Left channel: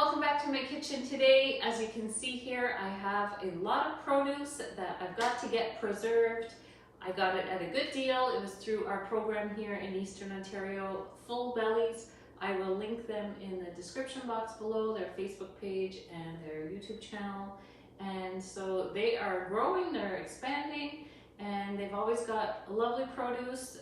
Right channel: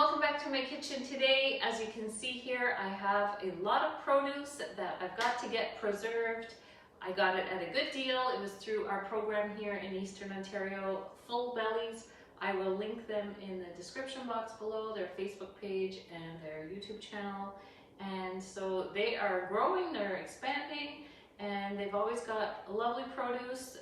welcome back to my kitchen today. As you can see here, I have a lot of produce that I've got to get preserved. I got it at a good deal. It was through our program here in Eastern Ontario, Full Bellies. I will link them in the description box below, their Facebook page and their YouTube channel. And so they are growing, they're expanding, and they've always got lovely produce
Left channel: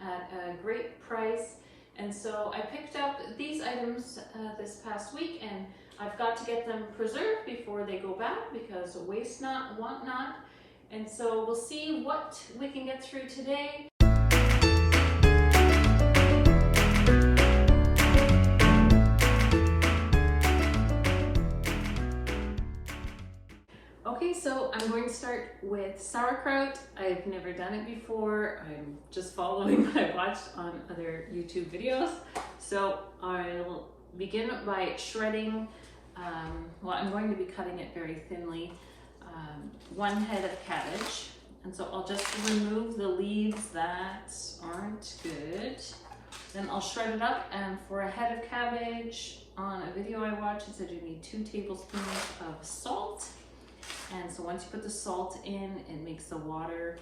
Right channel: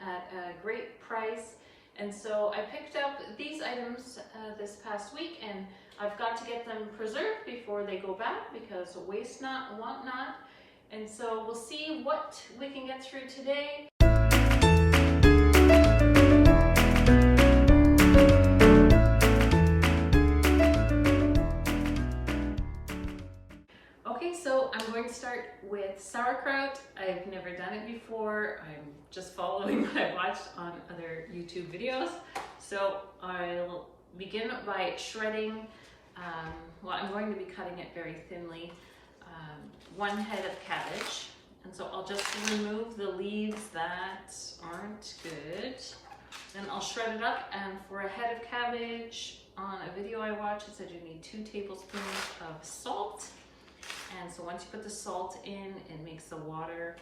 at a great price. And so I picked up these items this past week, and I've got to get them preserved before they go bad because waste not, want not. And so we'll see what we can get through today. Okay, so I'm going to start with sauerkraut. I've never done it before. I'm just following what I've watched on other YouTube videos. So I'll begin by shredding. Well, I'm going to be cutting it very thinly. 1 head of cabbage. And so I'll just remove the leaves that aren't good. Then I'll shred it up, and for a head of cabbage, on a video I watched, it said you need 2 tablespoons of salt. And so once you put the salt in, it makes the water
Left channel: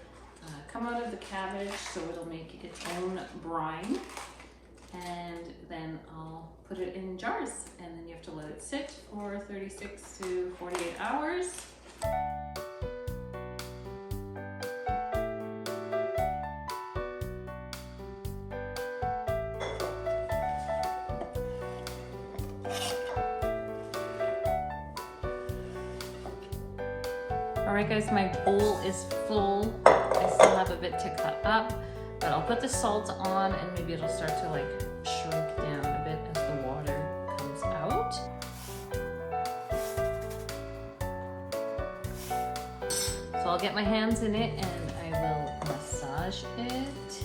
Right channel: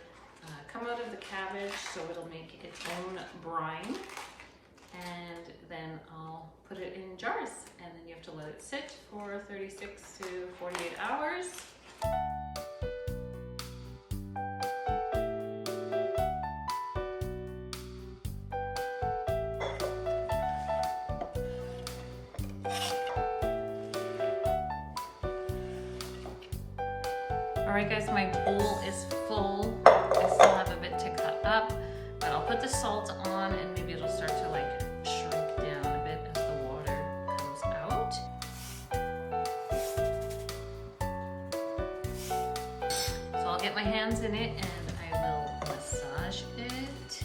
come out of the cabbage, so it'll make its own brine. And then I'll put it in jars, and then you have to let it sit for 36 to 48 hours. All right guys, my bowl is full. I still have a bit to cut up, but I'll put the salt on and maybe it'll start to like shrink down a bit as the water comes out. So I'll get my hands in it and I will massage it.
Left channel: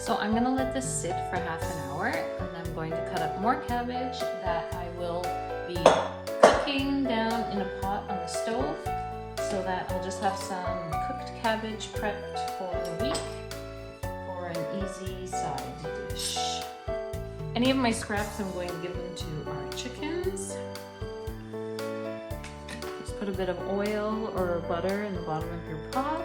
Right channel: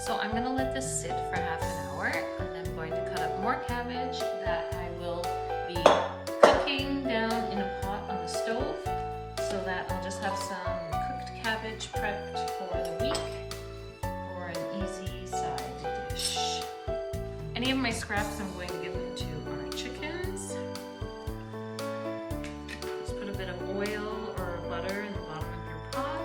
So I'm gonna let this sit for half an hour, and I'm going to cut up more cabbage that I will be cooking down in a pot on the stove, so that I'll just have some cooked cabbage prepped for the week for an easy side dish. Any of my scraps I'm going to give them to our chickens. Just put a bit of oil or butter in the bottom of your pot.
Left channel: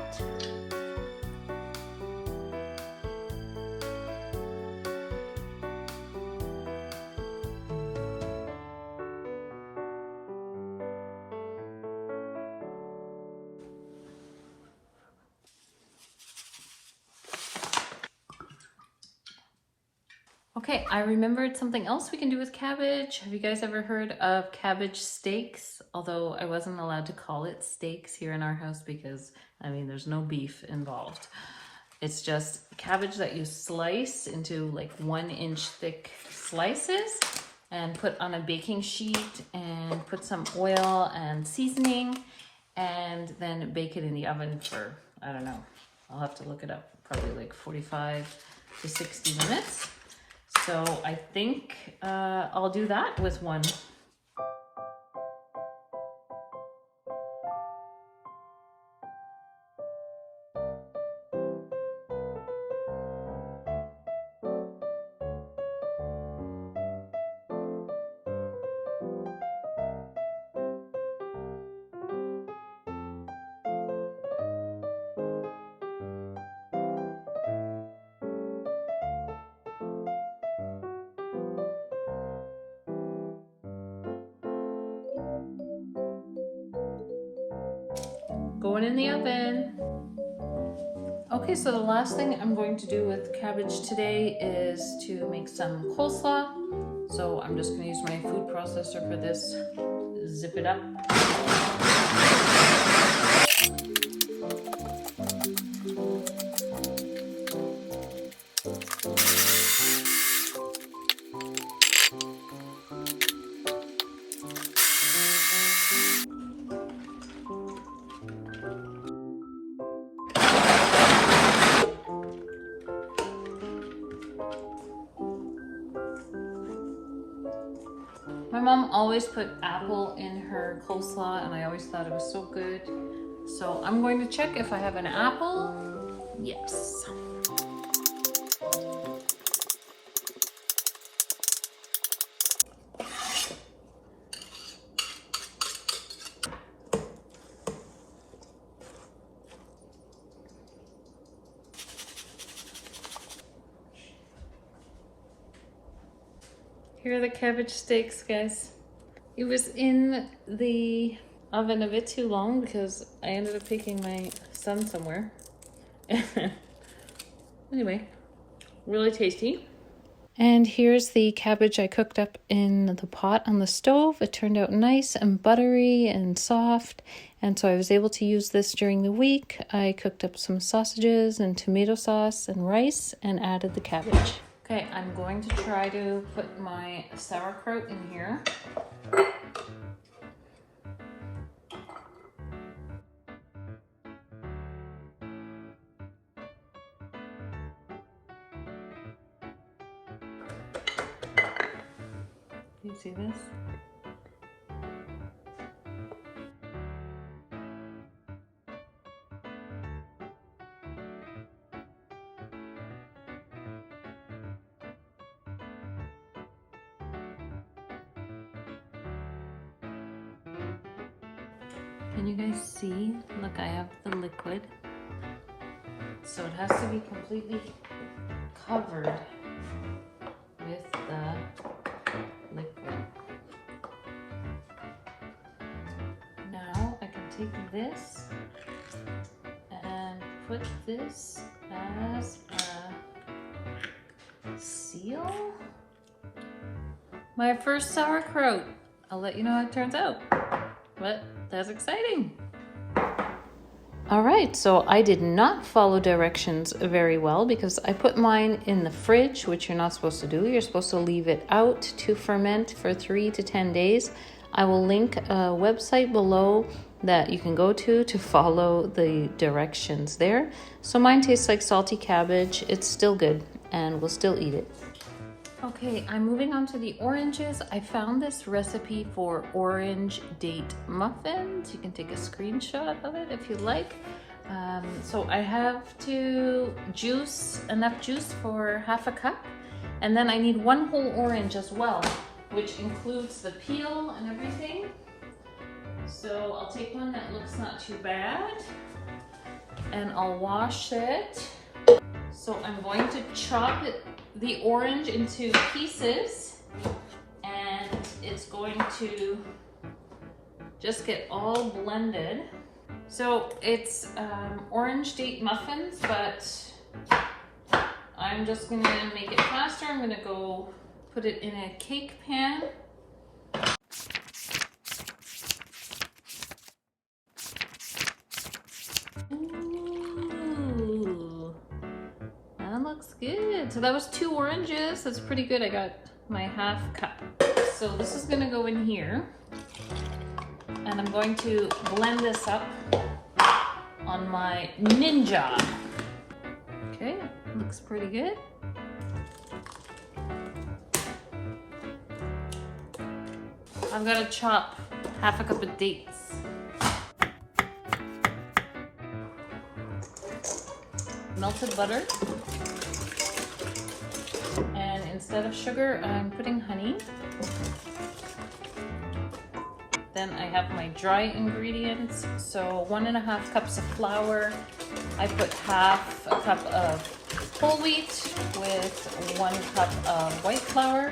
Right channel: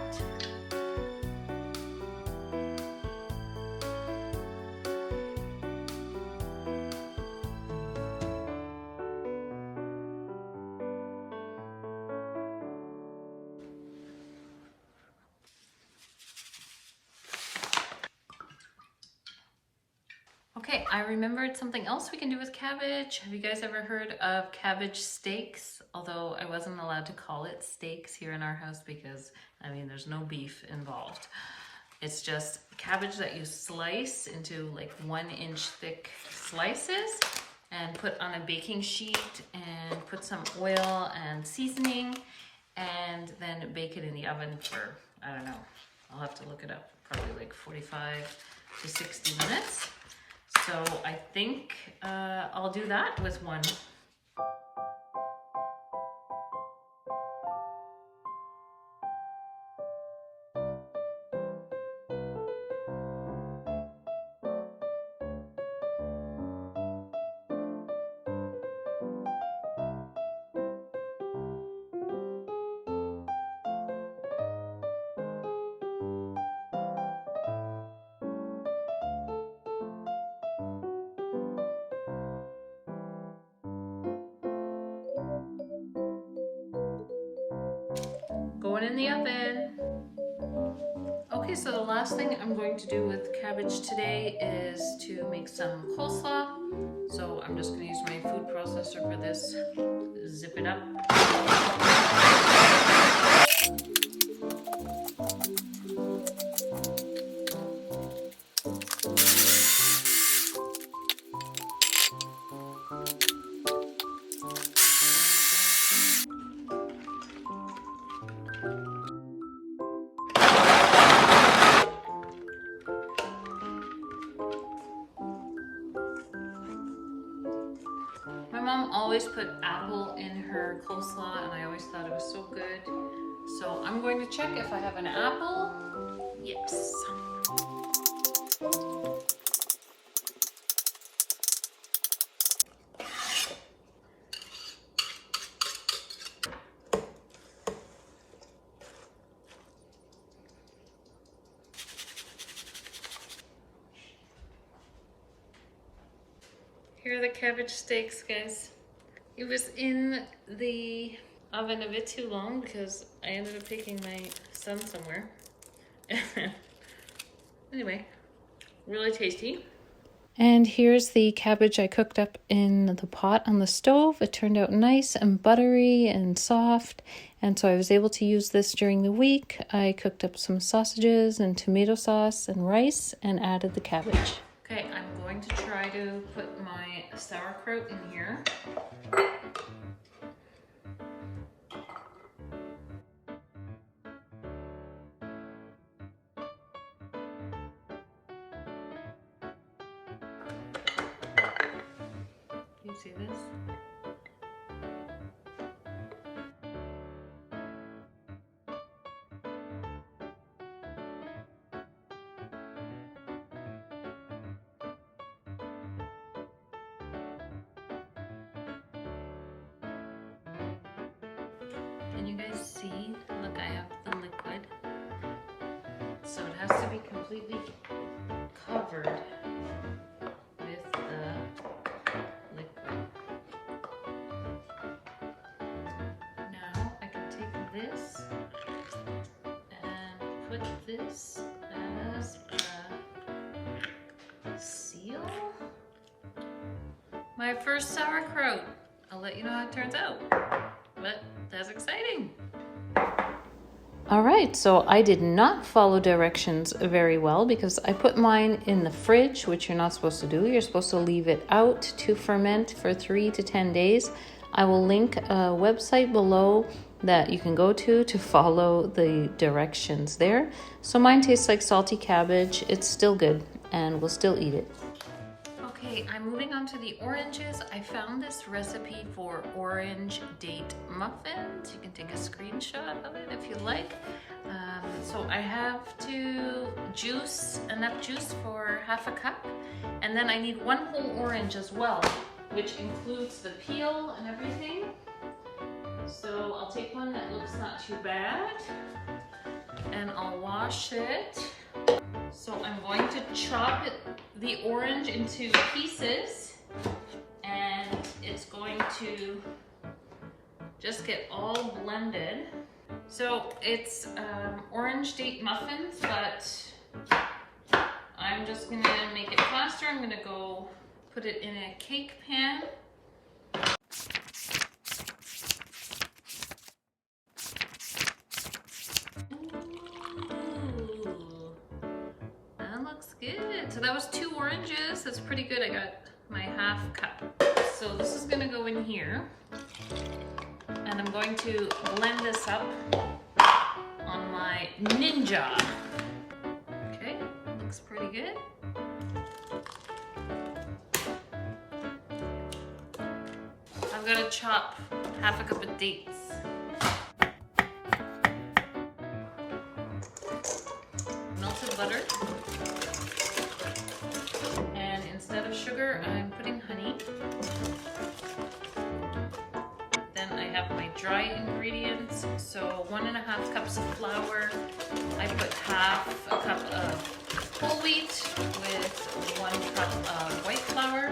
Okay, I remembered something else we can do with cabbage. Have you guys ever heard of cabbage steaks? Although I wasn't allowed to call it steaks here in our house because, I mean, there's no beef involved. It's just cabbage that you slice into like 1-inch thick slices and put on a baking sheet and put some oil and seasoning and then bake it in the oven for, I don't know, I'll have to look it up, probably like 45 to 60 minutes. So I think I'll do that with one. Going in the oven. Okay, so the last thing I'm going to do with cabbage today is to make some coleslaw. So I'm just going to use my food processor for this. Zip it up. My mom always put apple in her coleslaw, and I always thought it was so good. So I'm going to check if I have an apple. Yes. Here are the cabbage steaks, guys. It was in the oven a bit too long because I ended up taking my son somewhere. Anyway, really tasty. And here's the cabbage I cooked up in the pot on the stove. It turned out nice and buttery and soft. And so I was able to use this during the week. I cooked up some sausages and tomato sauce and rice and added the cabbage. Okay, I'm going to try to put my sauerkraut in here. Can you see this? Can you guys see? Look, I have the liquid. So it has to be completely covered with the liquid. Now I can take this and put this as a seal. My first sauerkraut. I'll let you know how it turns out. But that's exciting. All right, so I did not follow directions very well because I put mine in the fridge, which you're not supposed to do. You're supposed to leave it out to ferment for 3 to 10 days. I will link a website below that you can go to follow the directions there. So mine tastes like salty cabbage. It's still good and we'll still eat it. Okay, I'm moving on to the oranges. I found this recipe for orange date muffins. You can take a screenshot of it if you like. So I have to juice enough juice for half a cup, and then I need 1 whole orange as well, which includes the peel and everything. So I'll take one that looks not too bad, and I'll wash it. So I'm going to chop the orange into pieces, and it's going to just get all blended. So it's orange date muffins, but I'm just gonna make it faster. I'm gonna go put it in a cake pan. Looks good. So that was 2 oranges. That's pretty good. I got my half cup. So this is gonna go in here, and I'm going to blend this up on my Ninja. Okay, looks pretty good. I'm gonna chop half a cup of dates. Melted butter, and instead of sugar I'm putting honey. Then I have my dry ingredients, so 1.5 cups of flour. I put half a cup of whole wheat with 1 cup of white flour,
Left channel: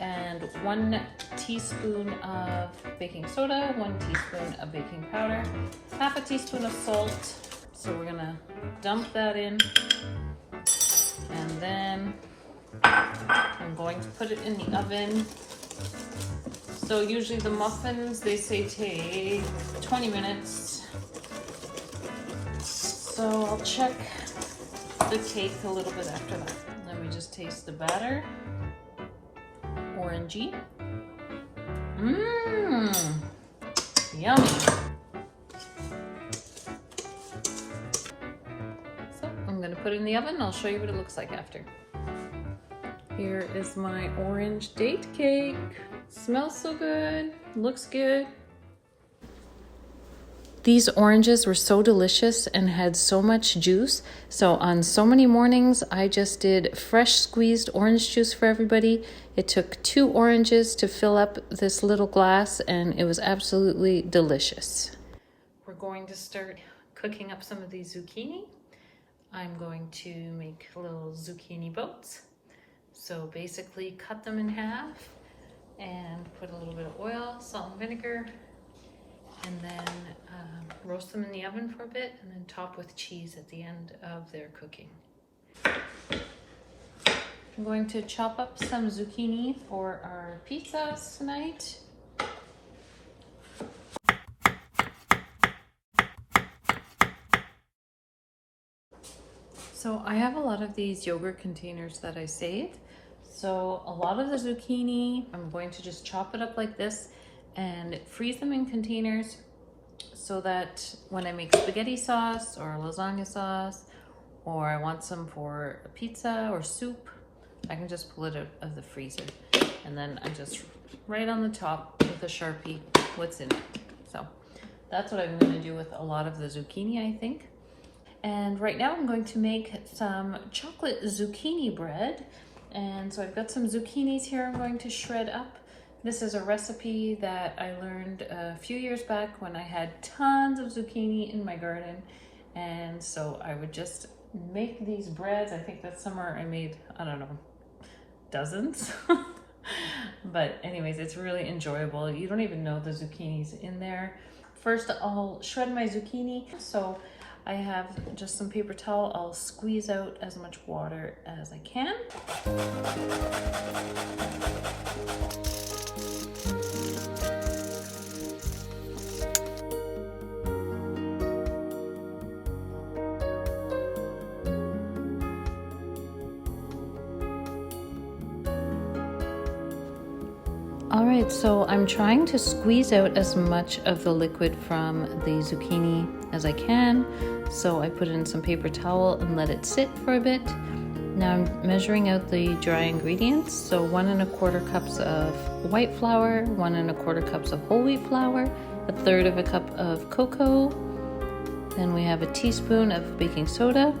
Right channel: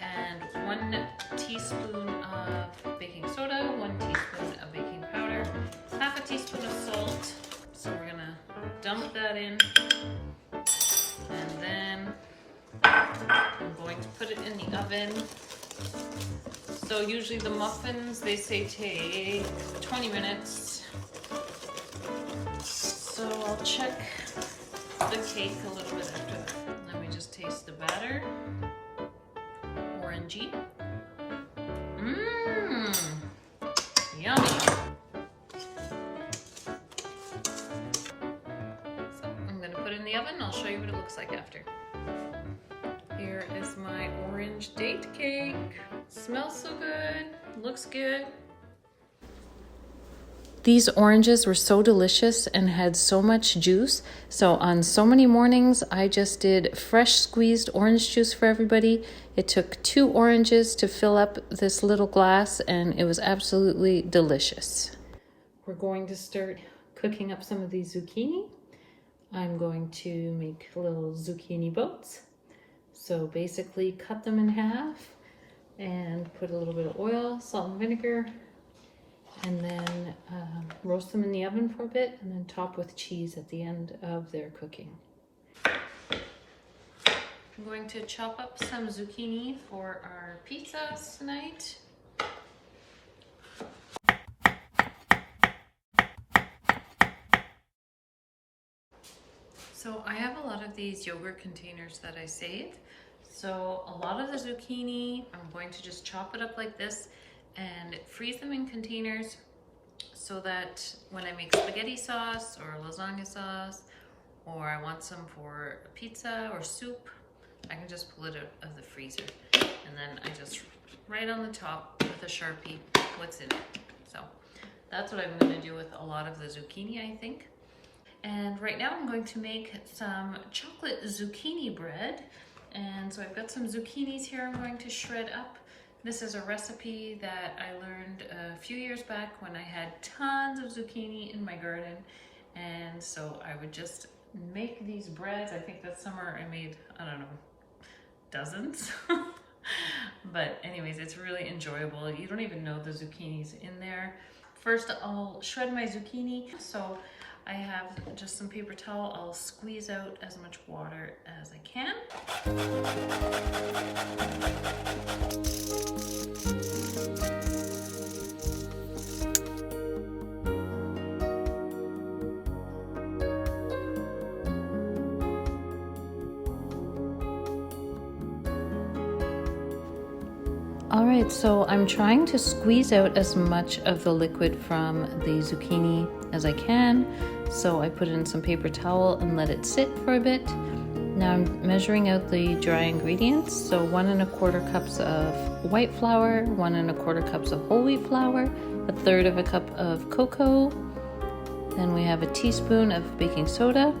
and 1 teaspoon of baking soda, 1 teaspoon of baking powder, half a teaspoon of salt. So we're gonna dump that in, and then I'm going to put it in the oven. So usually the muffins, they say take 20 minutes. So I'll check the cake a little bit after that. Let me just taste the batter. Orangey. Mmm, yummy. Put it in the oven. I'll show you what it looks like after. Here is my orange date cake. Smells so good, looks good. These oranges were so delicious and had so much juice. So on so many mornings, I just did fresh squeezed orange juice for everybody. It took 2 oranges to fill up this little glass, and it was absolutely delicious. We're going to start cooking up some of these zucchini. I'm going to make little zucchini boats. So basically cut them in half and put a little bit of oil, salt and vinegar, and then roast them in the oven for a bit, and then top with cheese at the end of their cooking. I'm going to chop up some zucchini for our pizzas tonight. So I have a lot of these yogurt containers that I saved. So a lot of the zucchini, I'm going to just chop it up like this and freeze them in containers so that when I make spaghetti sauce or lasagna sauce, or I want some for a pizza or soup, I can just pull it out of the freezer. And then I just write on the top with a Sharpie what's in it. So that's what I'm gonna do with a lot of the zucchini, I think. And right now I'm going to make some chocolate zucchini bread. And so I've got some zucchinis here I'm going to shred up. This is a recipe that I learned a few years back when I had tons of zucchini in my garden. And so I would just make these breads. I think that summer I made, I don't know, dozens. But anyways, it's really enjoyable. You don't even know the zucchini's in there. First, I'll shred my zucchini. So I have just some paper towel. I'll squeeze out as much water as I can. All right, so I'm trying to squeeze out as much of the liquid from the zucchini as I can. So I put it in some paper towel and let it sit for a bit. Now I'm measuring out the dry ingredients. So 1 1/4 cups of white flour, 1 1/4 cups of whole wheat flour, 1/3 cup of cocoa. Then we have a teaspoon of baking soda,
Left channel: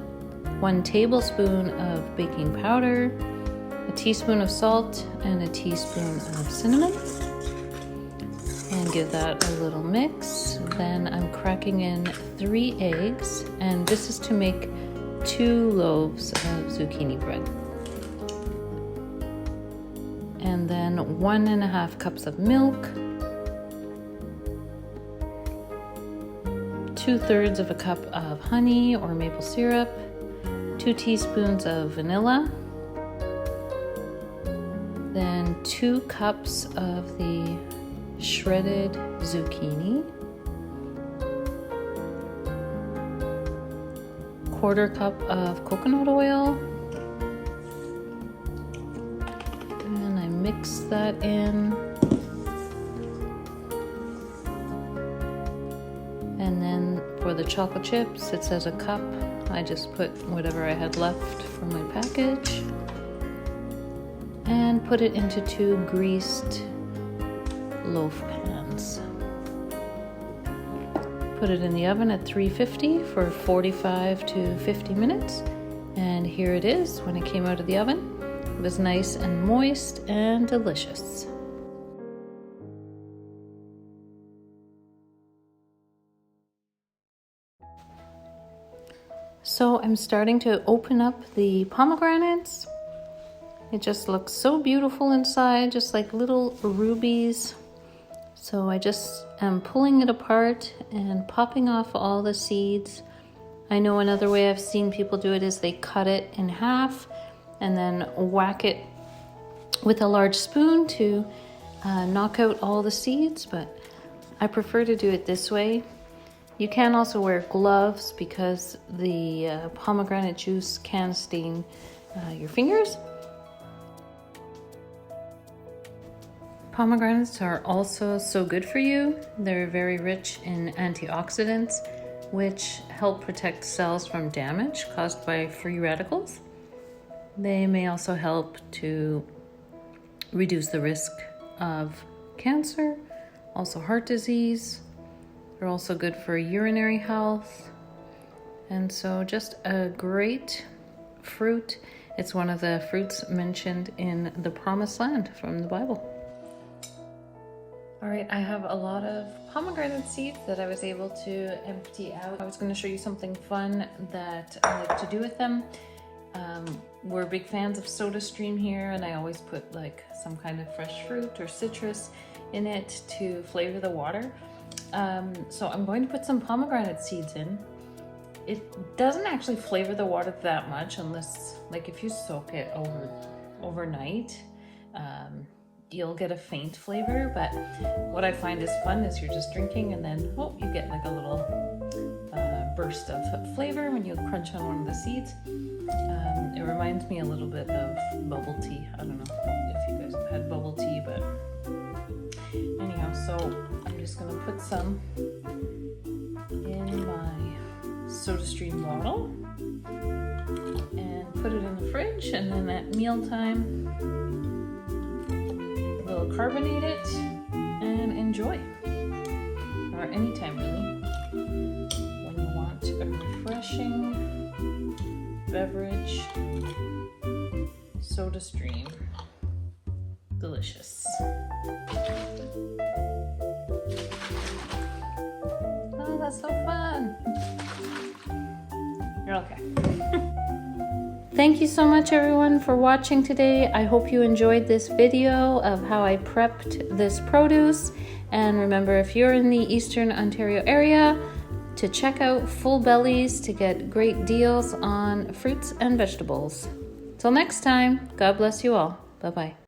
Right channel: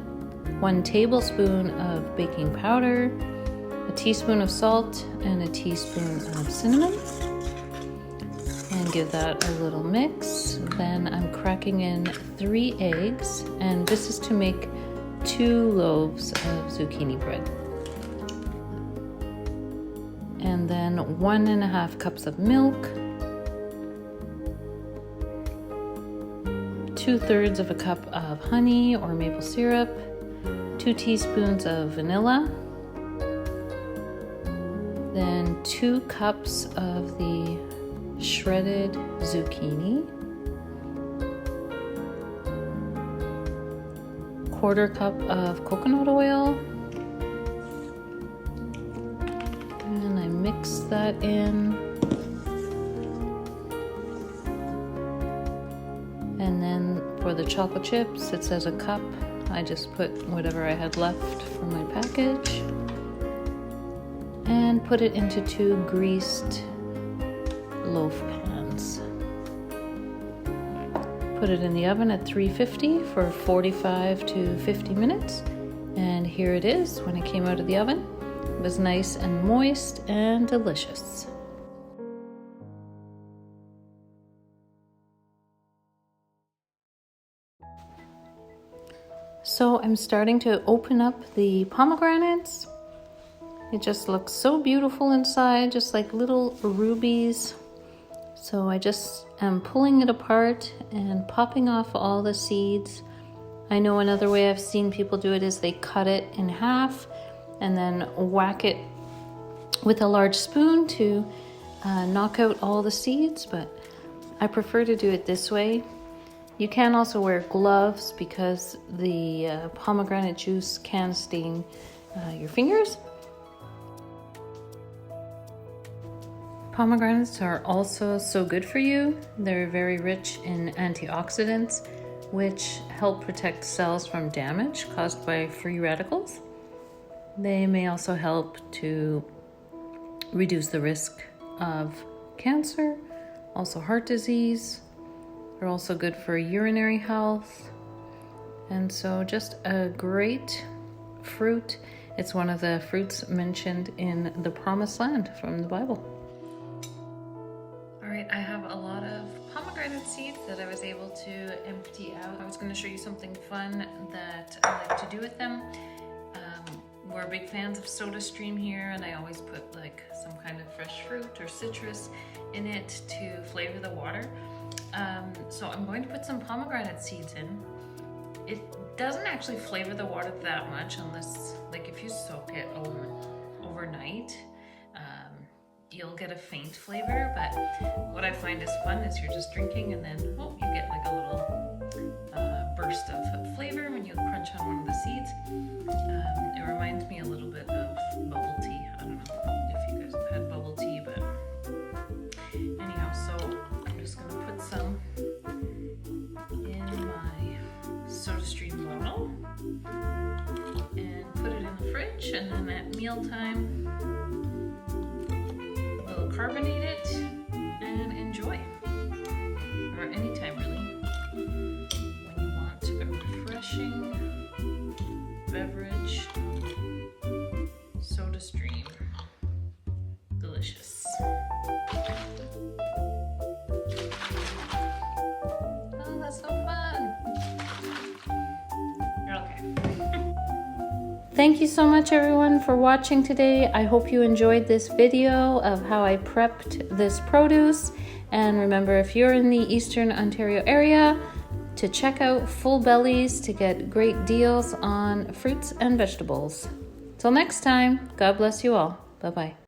1 tablespoon of baking powder, a teaspoon of salt, and a teaspoon of cinnamon. And give that a little mix. Then I'm cracking in 3 eggs, and this is to make 2 loaves of zucchini bread. And then 1 1/2 cups of milk, 2/3 cup of honey or maple syrup, 2 teaspoons of vanilla, then 2 cups of the shredded zucchini, 1/4 cup of coconut oil, and I mix that in. And then for the chocolate chips, it says a cup. I just put whatever I had left from my package and put it into 2 greased loaf pans. Put it in the oven at 350 for 45 to 50 minutes. And here it is when it came out of the oven. It was nice and moist and delicious. So I'm starting to open up the pomegranates. It just looks so beautiful inside, just like little rubies. So I just am pulling it apart and popping off all the seeds. I know another way I've seen people do it is they cut it in half and then whack it with a large spoon to knock out all the seeds, but I prefer to do it this way. You can also wear gloves because the pomegranate juice can stain your fingers. Pomegranates are also so good for you. They're very rich in antioxidants, which help protect cells from damage caused by free radicals. They may also help to reduce the risk of cancer, also heart disease. They're also good for urinary health. And so just a great fruit. It's one of the fruits mentioned in the Promised Land from the Bible. All right, I have a lot of pomegranate seeds that I was able to empty out. I was going to show you something fun that I like to do with them. We're big fans of SodaStream here, and I always put like some kind of fresh fruit or citrus in it to flavor the water. So I'm going to put some pomegranate seeds in. It doesn't actually flavor the water that much unless, like, if you soak it overnight, you'll get a faint flavor. But what I find is fun is you're just drinking and then, oh, you get like a little burst of flavor when you crunch on one of the seeds. It reminds me a little bit of bubble tea. I don't know if you guys have had bubble tea, but anyhow, so I'm just gonna put some in my SodaStream bottle and put it in the fridge, and then at mealtime we'll carbonate it and enjoy, or anytime really, when you want a refreshing beverage. SodaStream, delicious. Oh, that's so fun. You're okay. Thank you so much everyone for watching today. I hope you enjoyed this video of how I prepped this produce. And remember, if you're in the Eastern Ontario area, to check out Full Bellies to get great deals on fruits and vegetables. Till next time, God bless you all. Bye-bye.